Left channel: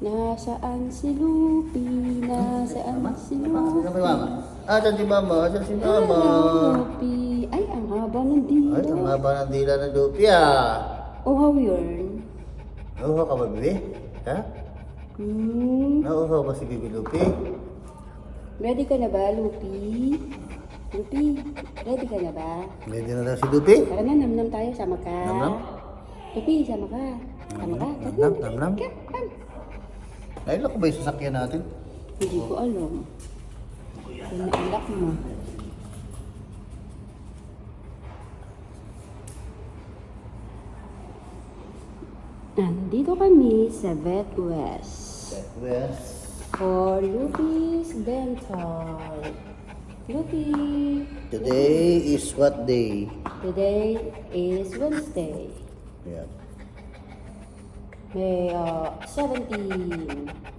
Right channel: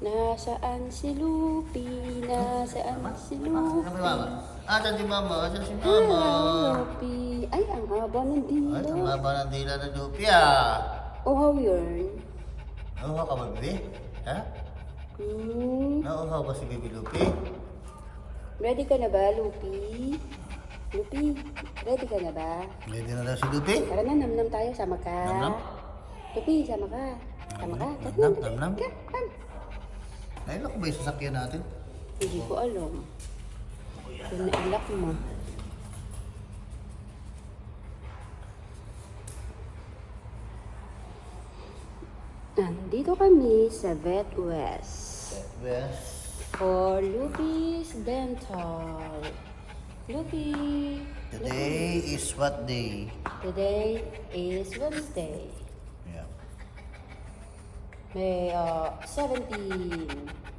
Nasaan si Lupi? Nasaan si Mama, Lupi? ano na ba mama? Asan si mama? Asan si mama? Lupi. Ay, ang haba ng dila. Ay, ang haba ng dila ng Lupi ah. Uhaw yun. Nauhaw ka ba, Bibi? Ha? Nauhaw ba si Bibi Lupi? Ready ka na ba, Lupi? Lupi, ready ka na ba? Ready na daw si Lupi? Tara na, namnam tayo, sama ka. Namnam? Lupi, sama ka. Sama ka. Namnam, namnam. Ay, lako ba yung sasakyan natin? Hindi ko alam. Naiyak mo. Nandito kami sa Vet West for Lupi's Dental. Lupi, Today is what day? today is Wednesday, Yeah. May 17.